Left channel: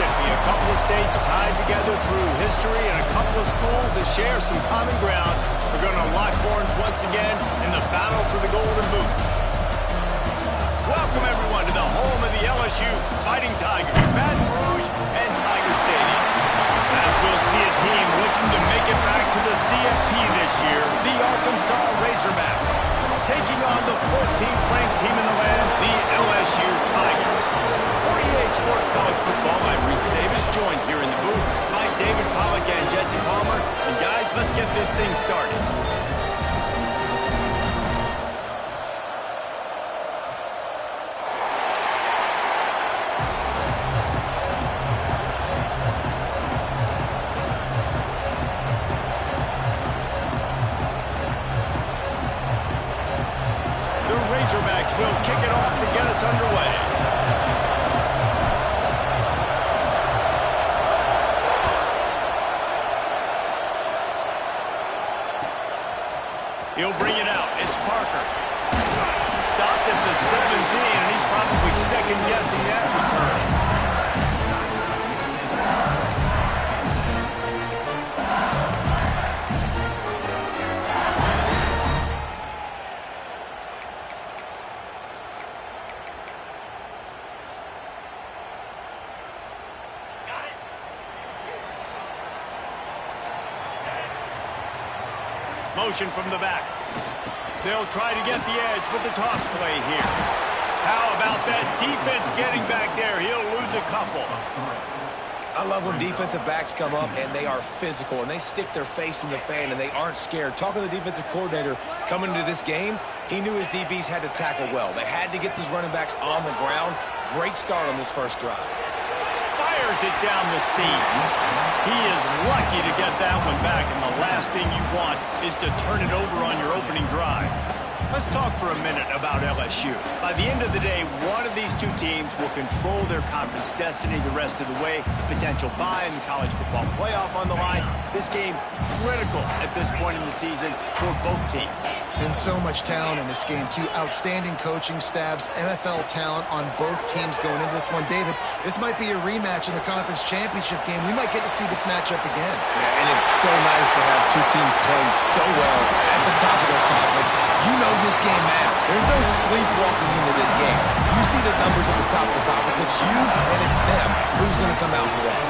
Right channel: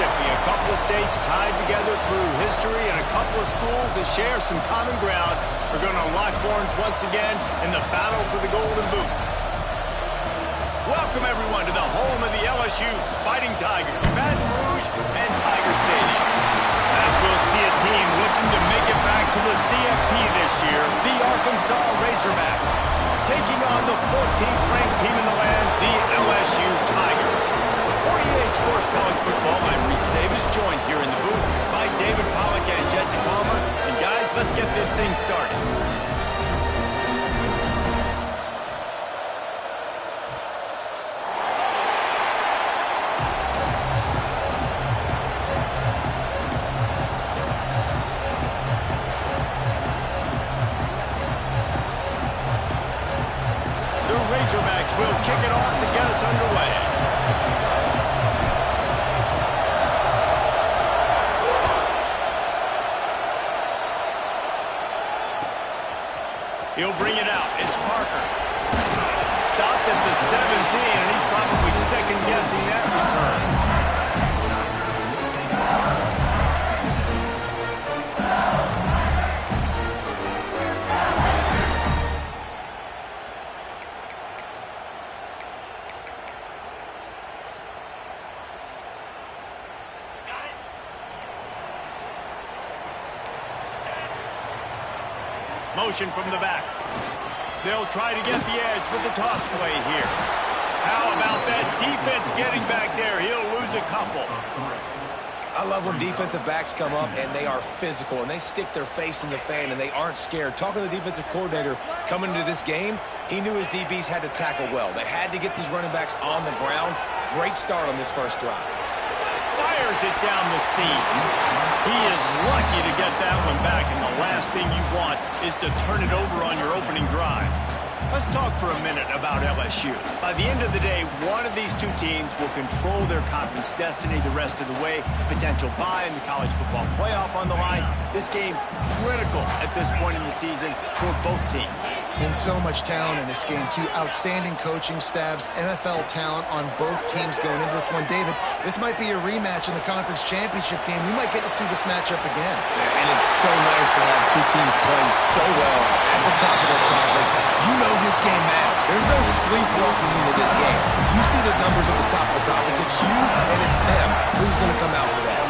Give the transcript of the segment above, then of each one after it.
Mississippi, a couple of states tied together through history and a couple of schools that share some common ground are going to lock horns once again in the battle for the Golden Boot. Welcome, everyone, to the home of the LSU Fighting Tigers, Baton Rouge and Tiger Stadium. As we'll see a team looking to make it back to the CFP this year, the Arkansas Razorbacks, taking on the 14th ranked team in the land, the LSU Tigers. For EA Sports College Football, I'm Reese Davis, joined here in the booth by David Pollack and Jesse Palmer. And guys, let's get this thing started. The Razorbacks will kick it off to get us underway. He'll bring it out. It's Parker. Stopped at the 17, and he's probably second-guessing that return. Motion from the back. They'll try to get the edge with the toss play here. How about that defense getting back there? He'll lose a couple. I love when defensive backs come up and they are physical and they stick their face in the fan and they aren't scared. Talking to the defensive coordinator coming into this game, he knew his DBs had to tackle well. They had to get these running backs on the ground. Great start on this first drive. Fires it down the seam. He is lucky to get that one back, and the last thing you want is to turn it over on your opening drive. Let's talk for a minute about LSU. By the end of the day, one of these two teams will control their conference destiny the rest of the way. Potential bye in the college football playoff on the line. This game critical at this point in the season for both teams. And so much talent in this game, too. Outstanding coaching staffs, NFL talent on both teams going into this one. David, this might be a rematch in the conference championship game. We might get to see this matchup again. Yeah, and it's so nice to have two teams playing so well at the top of their conference. You know this game matters. There's no sleepwalking into this game. You see the numbers at the top of the conference. It's you and it's them. Who's going to come out today?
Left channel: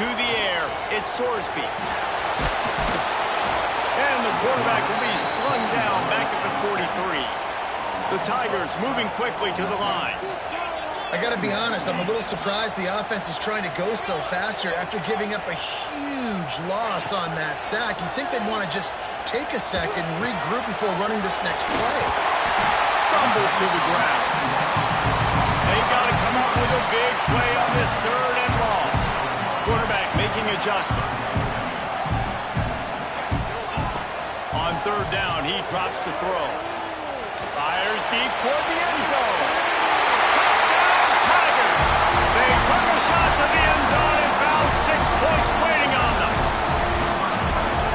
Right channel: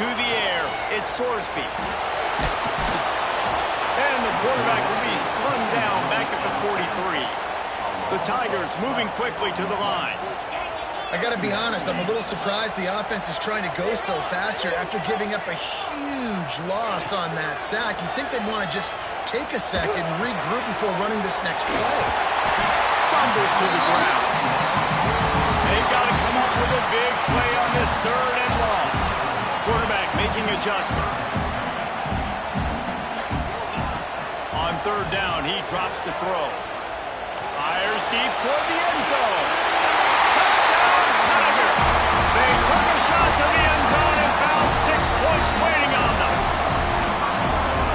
To the air, it's Sorsby. And the quarterback will be slung down back at the 43. The Tigers moving quickly to the line. I got to be honest, I'm a little surprised the offense is trying to go so fast here after giving up a huge loss on that sack. You'd think they'd want to just take a second, regroup before running this next play. Stumbled to the ground. They got to come up with a big play on this third and long. Quarterback making adjustments. On third down, he drops to throw. Fires deep toward the end zone. Touchdown, Tigers! They took a shot to the end zone and found 6 points waiting on them.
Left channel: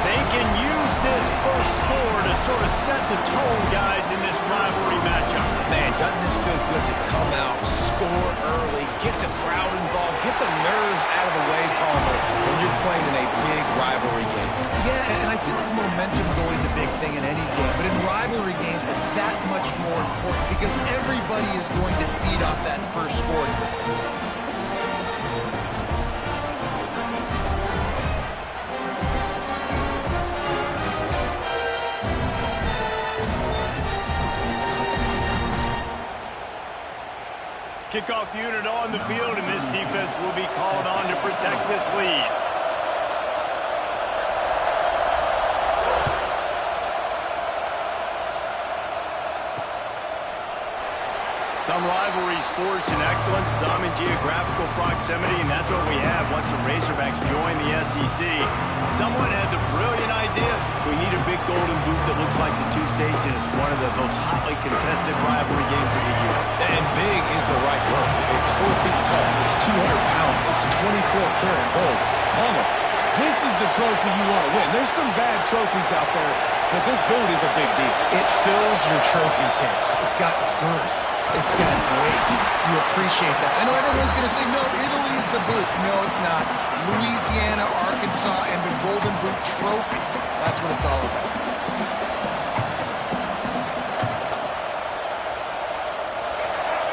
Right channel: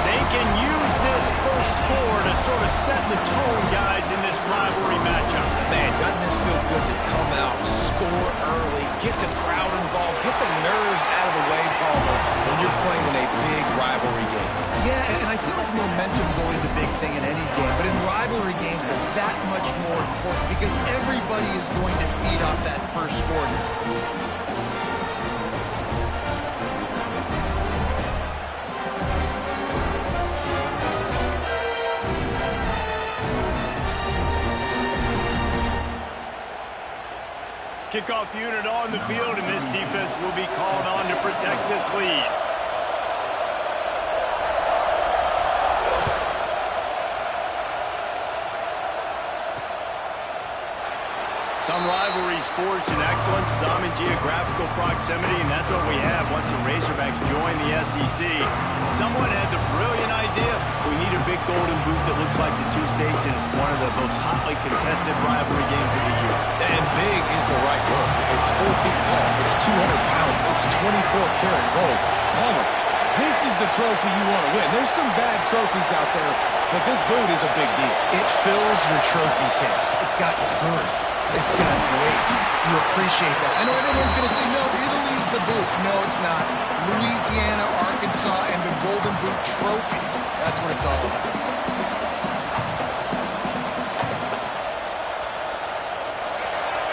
They can use this first score to sort of set the tone, guys, in this rivalry matchup. Man, doesn't this feel good to come out, score early, get the crowd involved, get the nerves out of the way, Palmer, when you're playing in a big rivalry game? Yeah, and I feel like momentum's always a big thing in any game, but in rivalry games, it's that much more important because everybody is going to feed off that first score here. Kickoff unit on the field, and this defense will be called on to protect this lead. Some rivalries forged in excellence, some in geographical proximity, and that's what we have once the Razorbacks join the SEC. Someone had the brilliant idea, we need a big golden boot that looks like the two states, and it's one of the most hotly contested rivalry games of the year. And big is the right word. It's 4 feet tall, it's 200 pounds, it's 24-karat gold. Palmer, this is the trophy you want to win. There's some bad trophies out there, but this boot is a big deal. It fills your trophy case. It's got girth. It's got weight. You appreciate that. I know everyone's going to say, no, Italy's the boot. No, it's not. Louisiana, Arkansas, and the Golden Boot Trophy. That's what it's all about.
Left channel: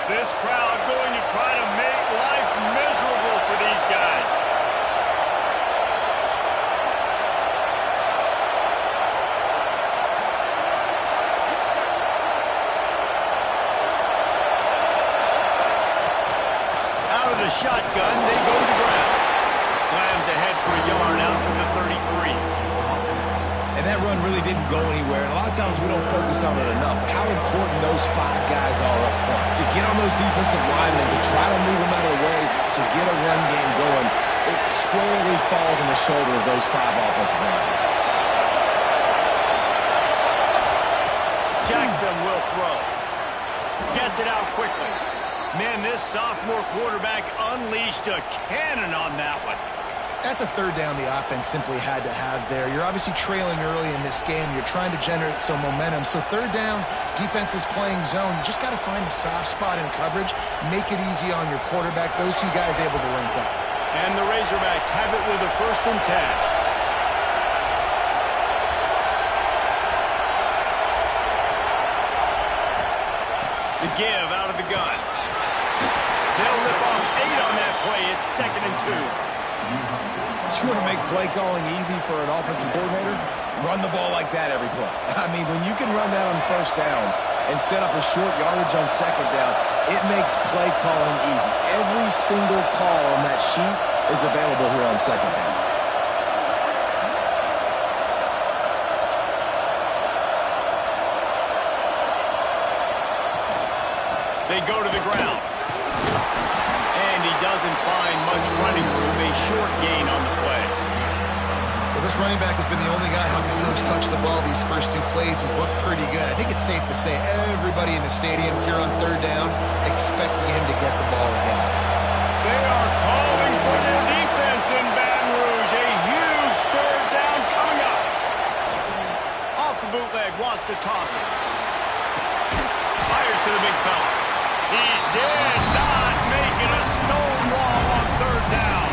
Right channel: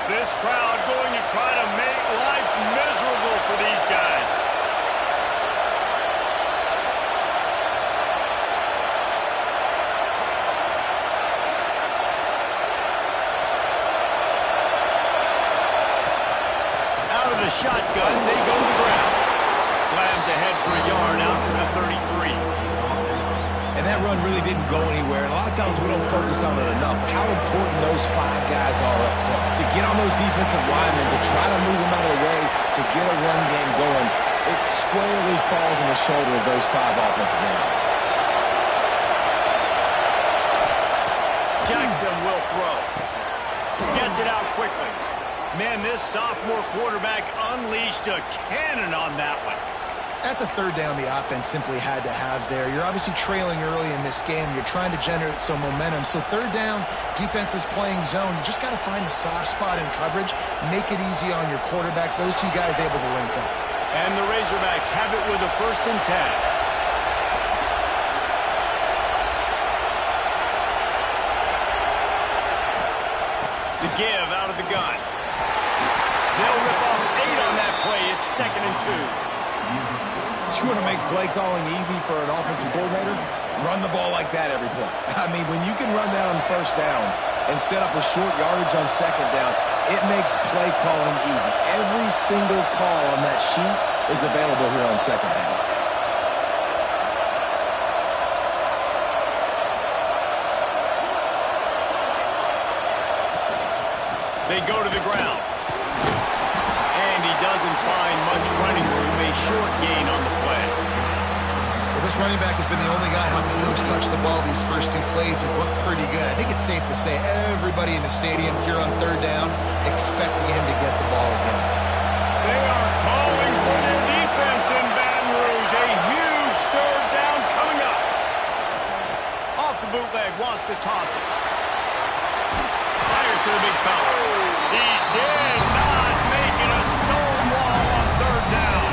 This crowd going to try to make life miserable for these guys. Out of the shotgun, they go to the ground. Slams ahead for a yard out to the 33. And that run really didn't go anywhere. And a lot of times we don't focus on it enough. But how important those 5 guys are up front. To get on those defensive linemen, to try to move them out of the way, to get a run game going, it squarely falls on the shoulder of those 5 offensive linemen. Jackson will throw. Gets it out quickly. Man, this sophomore quarterback unleashed a cannon on that one. That's a third down the offense simply had to have there. You're obviously trailing early in this game. You're trying to generate some momentum. So third down, defense is playing zone. You just got to find the soft spot in coverage, make it easy on your quarterback. Those 2 guys able to link up. And the Razorbacks have it with a 1st and 10. The give out of the gun. They'll rip off 8 on that play. It's 2nd and 2. You want to make play calling easy for an offensive coordinator? Run the ball like that every play. I mean, when you can run that on 1st down and set up a short yardage on 2nd down, it makes play calling easy. Every single call on that sheet is available here on 2nd down. They go to the ground. And he doesn't find much running room. A short gain on the play. Well, this running back has been the only guy who's touched the ball these first 2 plays. He's looked pretty good. I think it's safe to say everybody in the stadium here on 3rd down expecting him to get the ball again. They are calling for their defense in Baton Rouge. A huge 3rd down coming up. Off the bootleg, wants to toss it. Fires to the big fella. He did not make it a stone wall on 3rd down.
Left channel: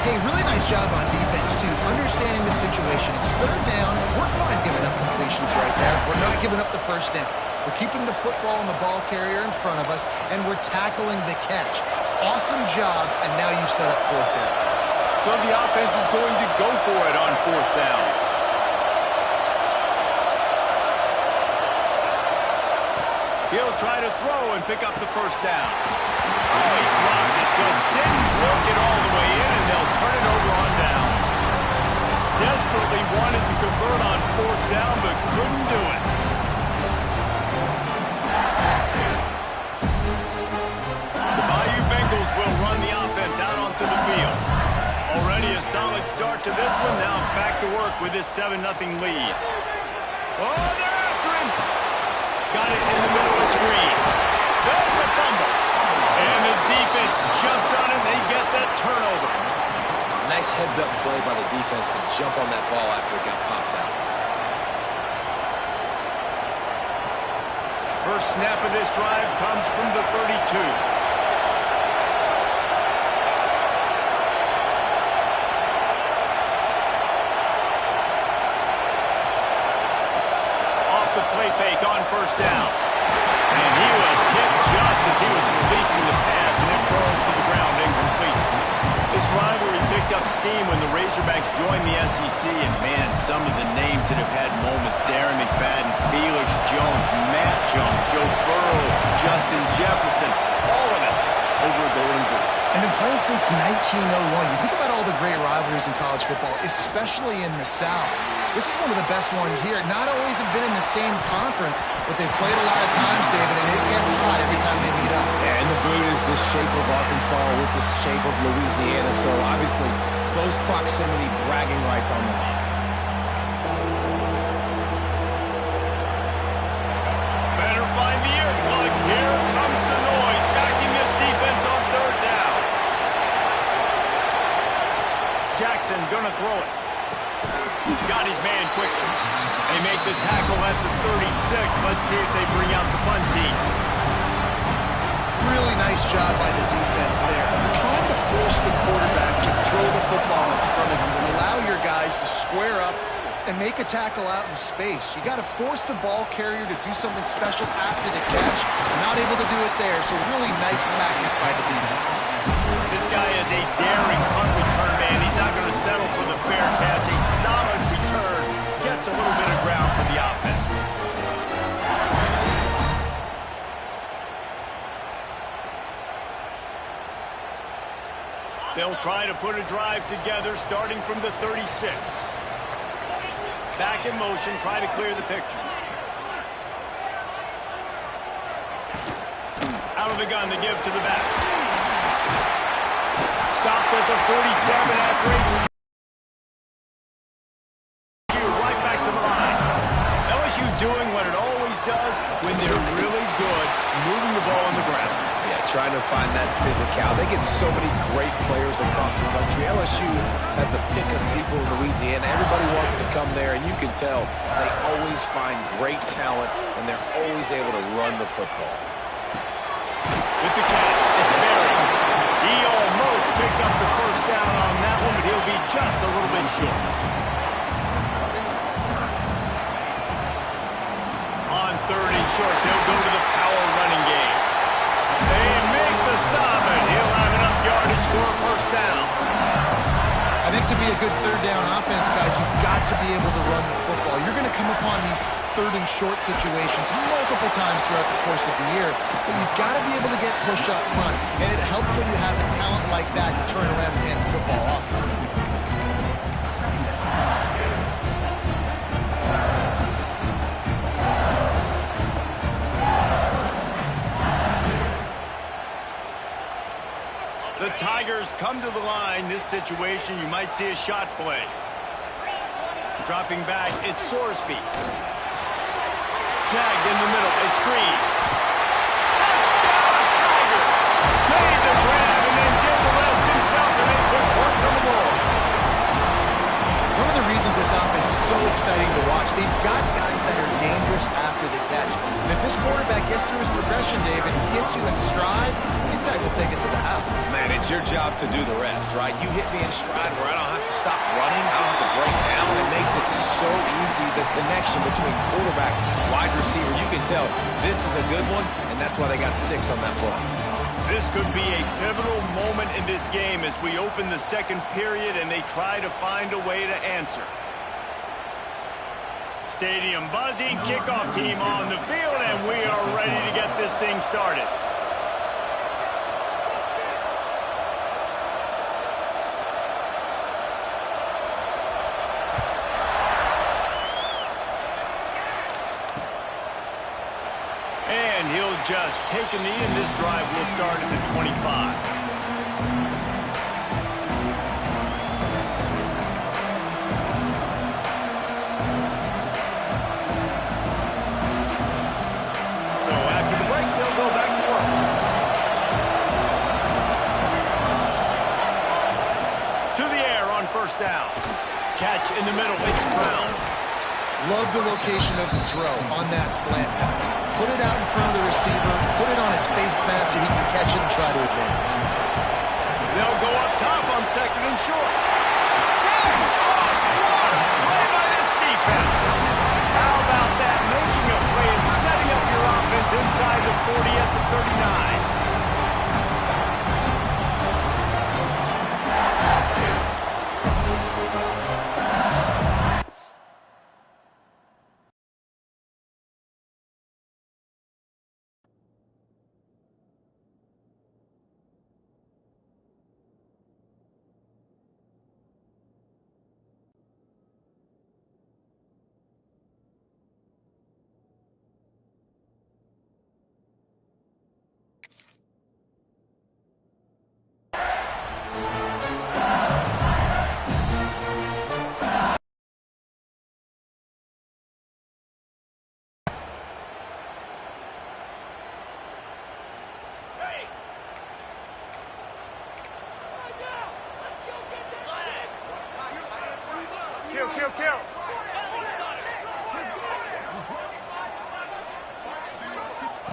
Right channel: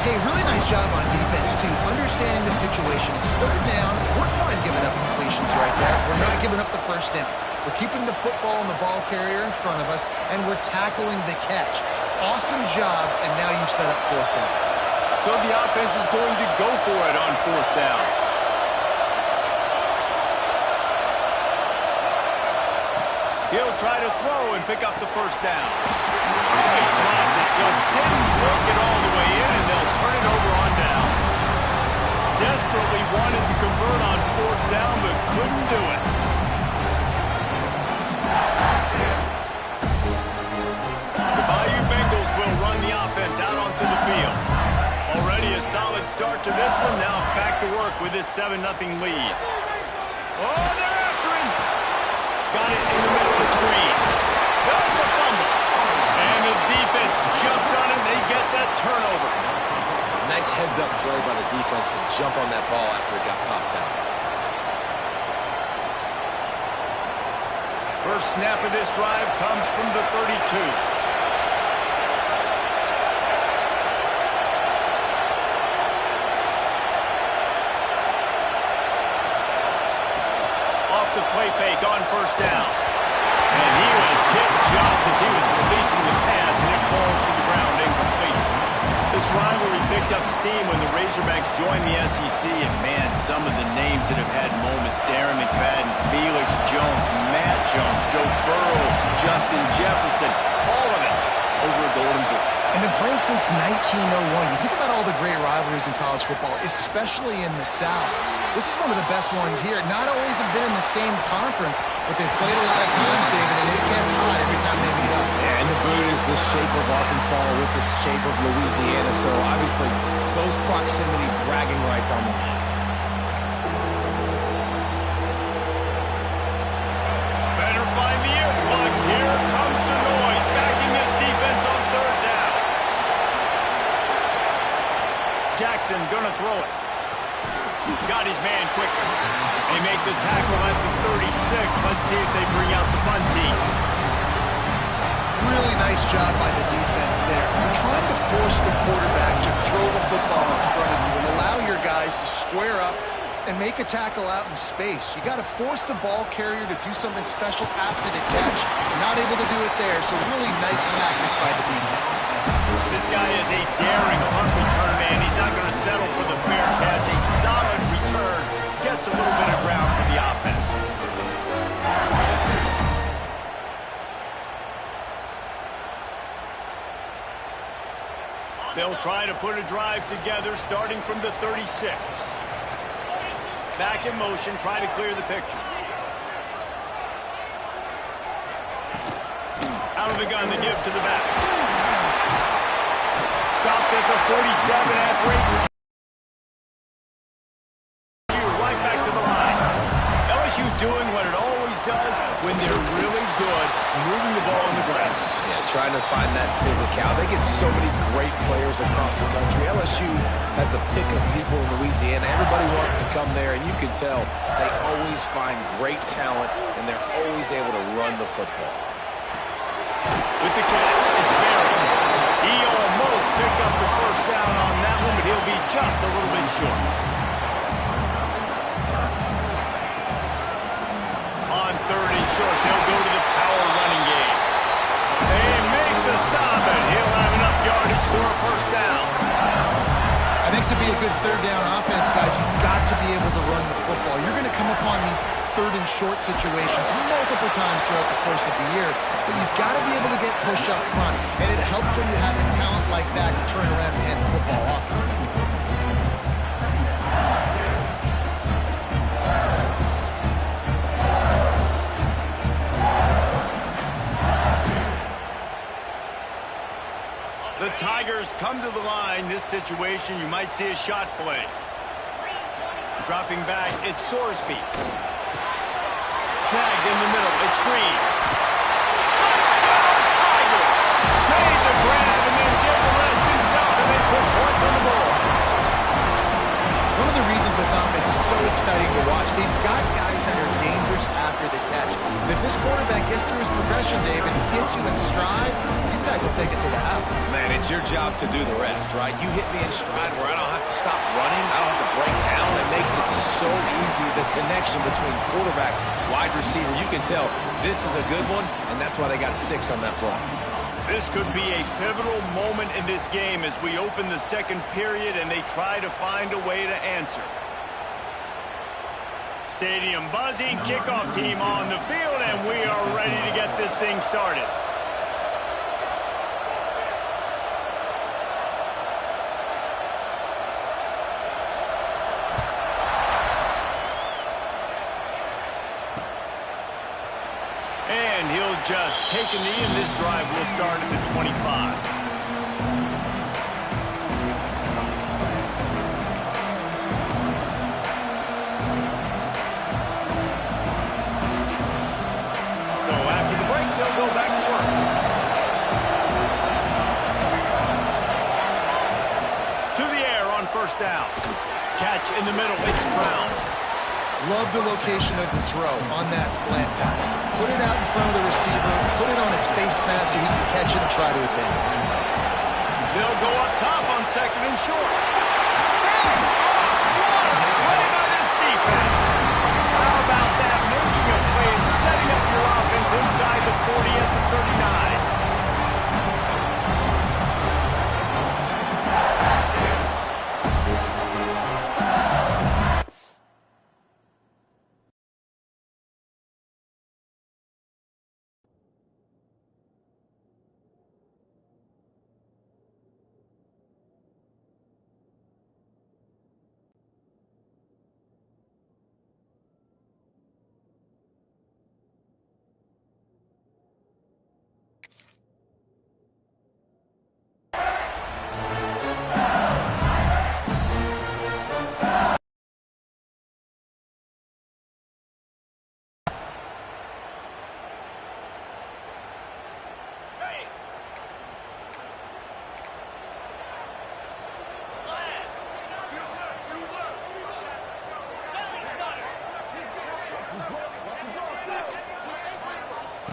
Hey, really nice job on defense, too. Understanding the situation. It's 3rd down. We're fine giving up completions right there. We're not giving up the 1st down. We're keeping the football and the ball carrier in front of us, and we're tackling the catch. Awesome job, and now you've set up 4th down. So the offense is going to go for it on 4th down. He'll try to throw and pick up the 1st down. Oh, he dropped it. Just didn't work it all the way in, and they'll turn it over on downs. Desperately wanted to convert on 4th down, but couldn't do it. The Bayou Bengals will run the offense out onto the field. Already a solid start to this one. Now back to work with this 7-0 lead. Oh, they're after him. Got it in the middle. It's Green. That's a fumble. And the defense jumps on it. They get that turnover. Nice heads-up play by the defense to jump on that ball after it got popped out. First snap of this drive comes from the 32. The play fake on 1st down. And he was hit just as he was releasing the pass, and it falls to the ground incomplete. This rivalry picked up steam when the Razorbacks joined the SEC, and man, some of the names that have had moments: Darren McFadden, Felix Jones, Matt Jones, Joe Burrow, Justin Jefferson, all of it over a Golden Boot. And been playing since 1901. You think about all the great rivalries in college football, especially in the South. This is one of the best ones here. Not always have been in the same conference, but they've played a lot of times, David, and it gets hot every time they meet up. Yeah, and the boot is the shape of Arkansas with the shape of Louisiana, so obviously close proximity, bragging rights on the line. Better find the earplugs. Here comes the noise, backing this defense on 3rd down. Jackson gonna throw it. Got his man quickly. They make the tackle at the 36. Let's see if they bring out the punt team. Really nice job by the defense there. You're trying to force the quarterback to throw the football in front of you and allow your guys to square up and make a tackle out in space. You got to force the ball carrier to do something special after the catch. Not able to do it there, so really nice tactic by the defense. This guy is a daring punt return man. He's not going to settle for the fair catch. A solid return gets a little bit of ground for the offense. They'll try to put a drive together starting from the 36. Back in motion, try to clear the picture. Out of the gun to give to the back. Stopped at the 47 after 18. Right back to the line. LSU doing what it always does when they're really good, moving the ball on the ground. Yeah, trying to find that physicality. They get so many great players across the country. LSU has the pick of people in Louisiana. Everybody wants to come there, and you can tell they always find great talent, and they're always able to run the football. With the catch, it's Berry. He almost picked up the first down on that one, but he'll be just a little bit short. On 3rd and short, they'll go to the power running game. They make the stop, and he'll have enough yardage for a first down. I think to be a good 3rd down offense, guys, you've got to be able to run the football. You're going to come upon these 3rd and short situations multiple times throughout the course of the year, but you've got to be able to get push up front, and it helps when you have a talent like that to turn around and hand the football off to. The Tigers come to the line. This situation, you might see a shot play. Dropping back, it's Sorsby. Snagged in the middle, it's Green. Touchdown, Tigers! Made the grab and then did the rest himself, and they put points on the board. One of the reasons this offense is so exciting to watch, they've got guys that are dangerous after the catch. And if this quarterback gets through his progression, David, and hits you in stride, these guys will take it to the house. Man, it's your job to do the rest, right? You hit me in stride where I don't have to stop running. I don't have to break down. It makes it so easy. The connection between quarterback, wide receiver, you can tell this is a good one, and that's why they got 6 on that play. This could be a pivotal moment in this game as we open the second period and they try to find a way to answer. Stadium buzzing, kickoff team on the field, and we are ready to get this thing started. And he'll just take a knee, and this drive will start at the 25. So after the break, they'll go back to work. To the air on first down. Catch in the middle, it's Brown. Love the location of the throw on that slant pass. Put it out in front of the receiver, put it on his face mask so he can catch it and try to advance. They'll go up top on 2nd and short. Hey! Oh, what a play by this defense. How about that? Making a play and setting up your offense inside the 40 at the 39.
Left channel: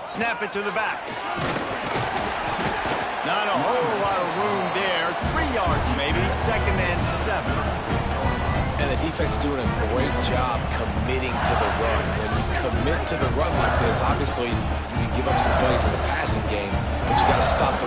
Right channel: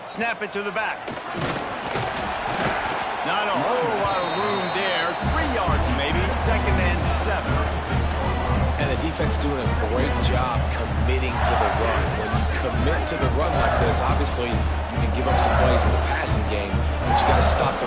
Snap it to the back. Not a whole lot of room there. 3 yards maybe. 2nd and 7. And the defense doing a great job committing to the run. When you commit to the run like this, obviously you can give up some plays in the passing game, but you got to stop the